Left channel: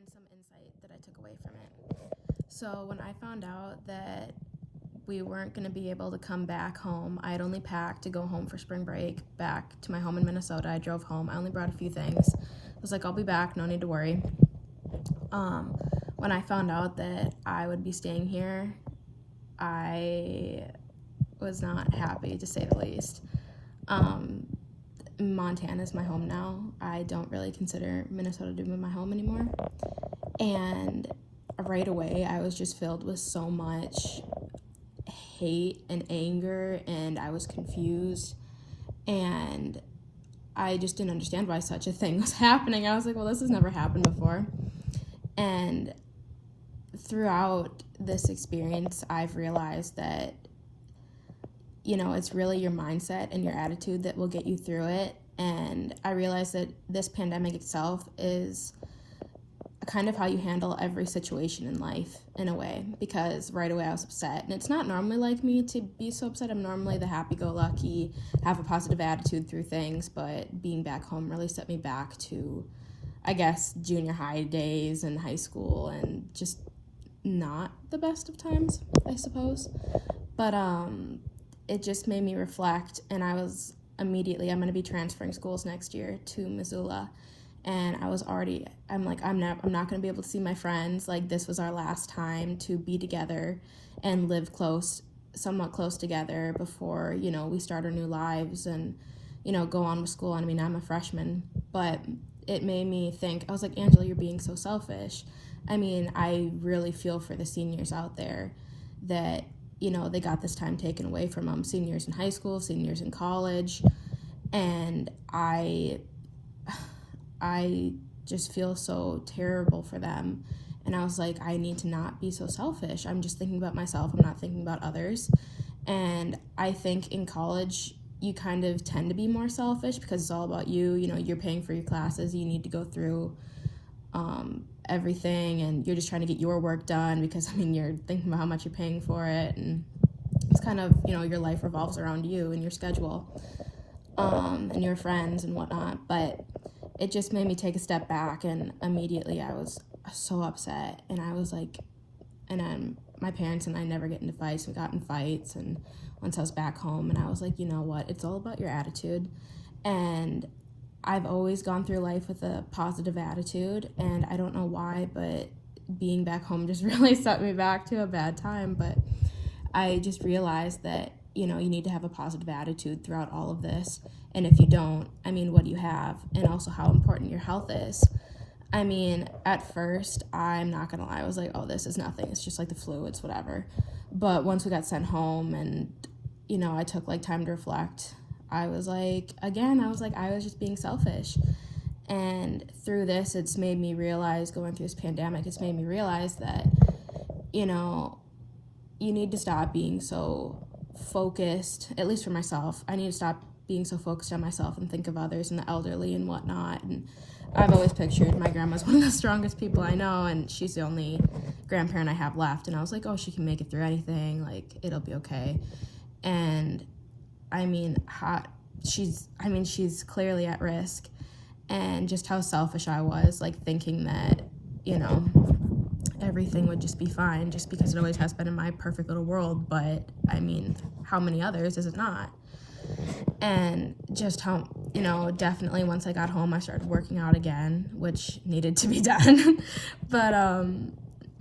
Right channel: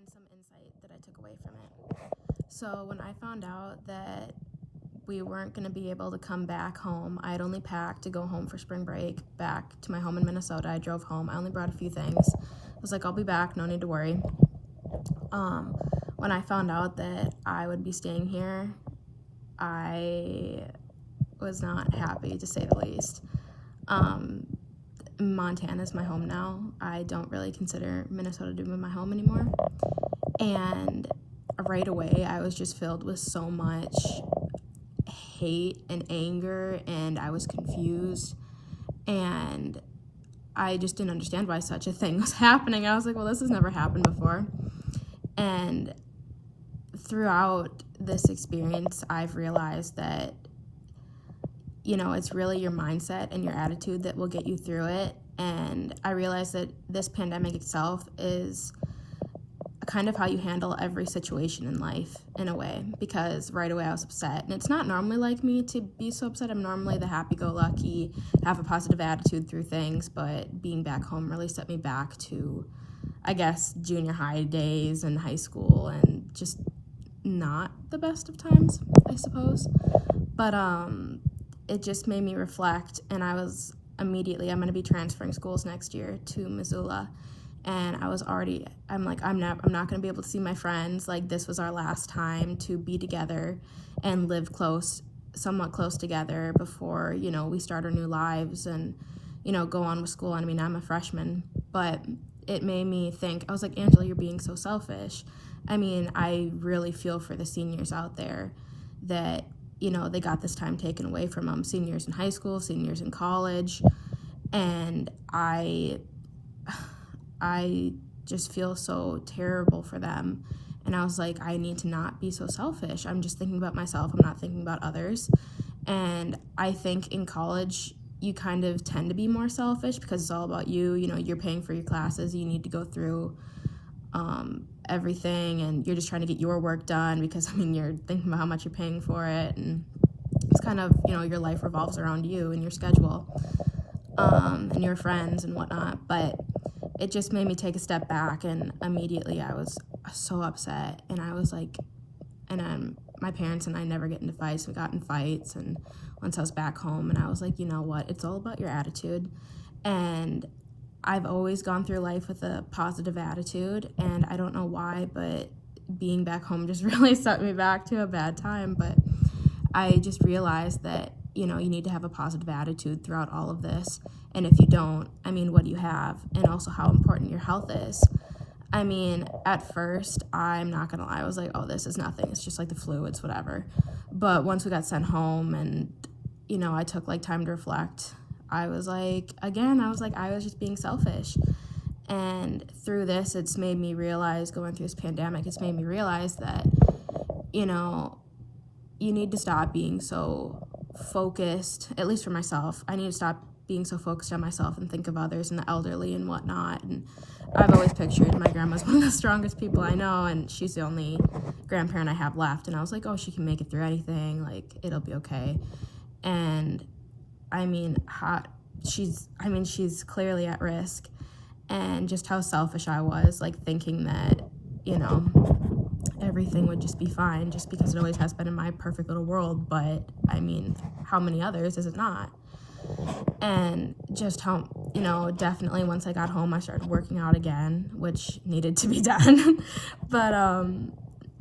and some insight that I took away from it. So when I found out that we weren't going to be able to come back home, I had only packed to go home for spring break back to my home in Minnesota. I drove home. I only brought a few things. I was like, I'll be back, no need to worry. When I found out that I would be staying here, I was not happy, to say the least. Montana is my home now. I don't really consider Minnesota to be my home anymore. And right away, I was just filled with so much hate and anger, and I was confused, and I just didn't understand why such a thing was happening. I was like, well, this has never happened before. And throughout this experience, I've realized that, it's really your mindset and your attitude that will get you through it. And I realized that this pandemic itself is kind of how you handle every situation in life, in a way, because right away I was upset. And it's not normally like me to be so upset. I'm normally the happy-go-lucky, have a positive attitude through things, but being back home really set me back to, I guess, junior high days and high school, and just not the best of times, I suppose. But it just made me reflect, and I'm going to be transferring schools next year to Missoula. And I'm not going to be able to see my friends. Like, this was our last time to be together and live somewhat close together before, we start our new lives and, go on with school. I mean, I'm a freshman, but it made me think. I was like, Angela, you're being so selfish. I mean, I really feel for the seniors out there that, they got this time taken away from them. Seniors in high school, seniors in college. And I just feel so terrible for them. And I was like, I need to not be so selfish. I'm just thinking about myself. I'm not thinking about others. And I think in college, you kind of tend to be more selfish because it's all about you. You're paying for your classes. You need to go through everything, and you're just trying to get your work done because, you're thinking about how much you're paying for it. And it's kind of, your life revolves around you and your schedule and your friends and whatnot. But it just made me take a step back, and immediately I was so upset. And I was like, my parents and I never get into fights. We got in fights, and once I was back home, and I was like, you know what? It's all about your attitude. And I've always gone through life with a positive attitude, and I don't know why, but being back home just really set me back to a bad time. But I just realized that, you need to have a positive attitude throughout all of this. And if you don't, what do you have? And also how important your health is. At first, I'm not going to lie, I was like, oh, this is nothing. It's just like the flu, it's whatever. But once we got sent home and, I took time to reflect, I was like, I was just being selfish. And through this, it's made me realize, going through this pandemic, it's made me realize that, you need to stop being so focused, at least for myself. I need to stop being so focused on myself and think of others and the elderly and whatnot. And I've always pictured my grandma's one of the strongest people I know, and she's the only grandparent I have left. And I was like, oh, she can make it through anything. It'll be okay. And she's clearly at risk. And just how selfish I was, thinking that, everything would just be fine just because it always has been in my perfect little world. But, how many others is it not? And just how, definitely once I got home, I started working out again, which needed to be done. But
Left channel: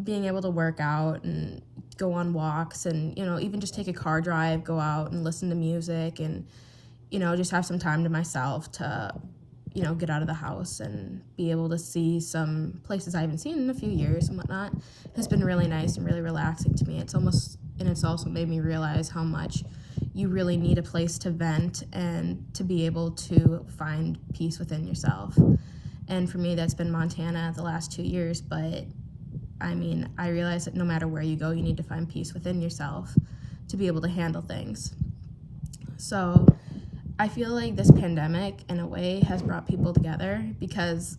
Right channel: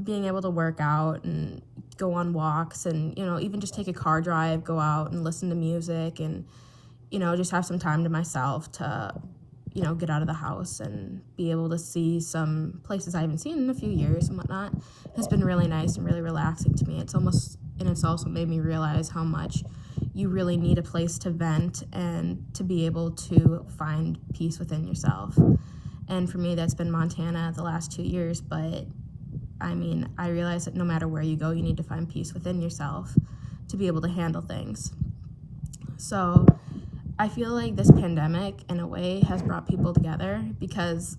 being able to work out and go on walks and, even just take a car drive, go out and listen to music and, just have some time to myself to, get out of the house and be able to see some places I haven't seen in a few years and whatnot has been really nice and really relaxing to me. It's also made me realize how much you really need a place to vent and to be able to find peace within yourself. And for me, that's been Montana the last 2 years. But I realize that no matter where you go, you need to find peace within yourself to be able to handle things. So I feel like this pandemic, in a way, has brought people together because,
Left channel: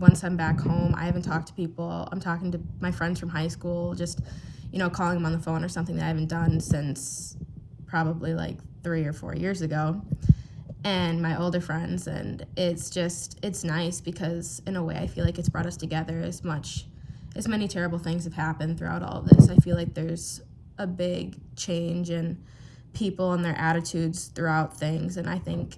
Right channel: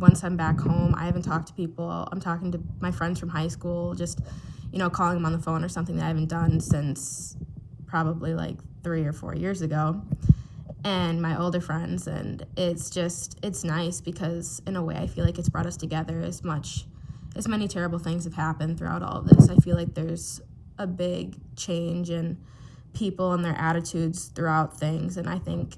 once I'm back home, I haven't talked to people. I'm talking to my friends from high school, just, calling them on the phone or something that I haven't done since probably 3 or 4 years ago. and my older friends, and it's nice because in a way I feel like it's brought us together. As many terrible things have happened throughout all of this, I feel like there's a big change in people and their attitudes throughout things, and I think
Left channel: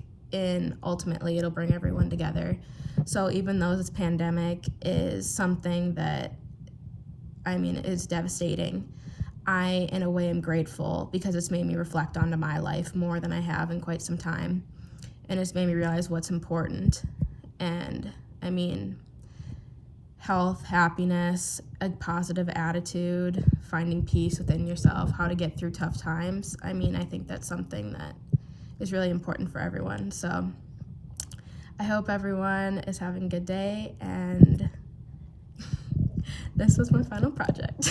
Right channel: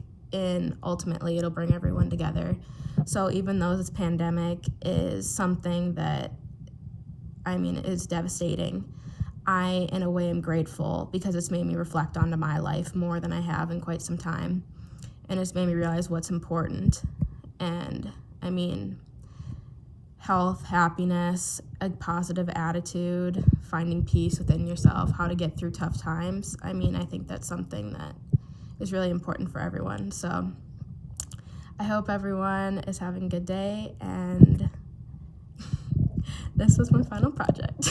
ultimately it'll bring everyone together. So even though this pandemic is something that, I mean, is devastating, I in a way am grateful because it's made me reflect onto my life more than I have in quite some time, and it's made me realize what's important. And I mean, health, happiness, a positive attitude, finding peace within yourself, how to get through tough times. I mean, I think that's something that is really important for everyone. So I hope everyone is having a good day, and this was my final project.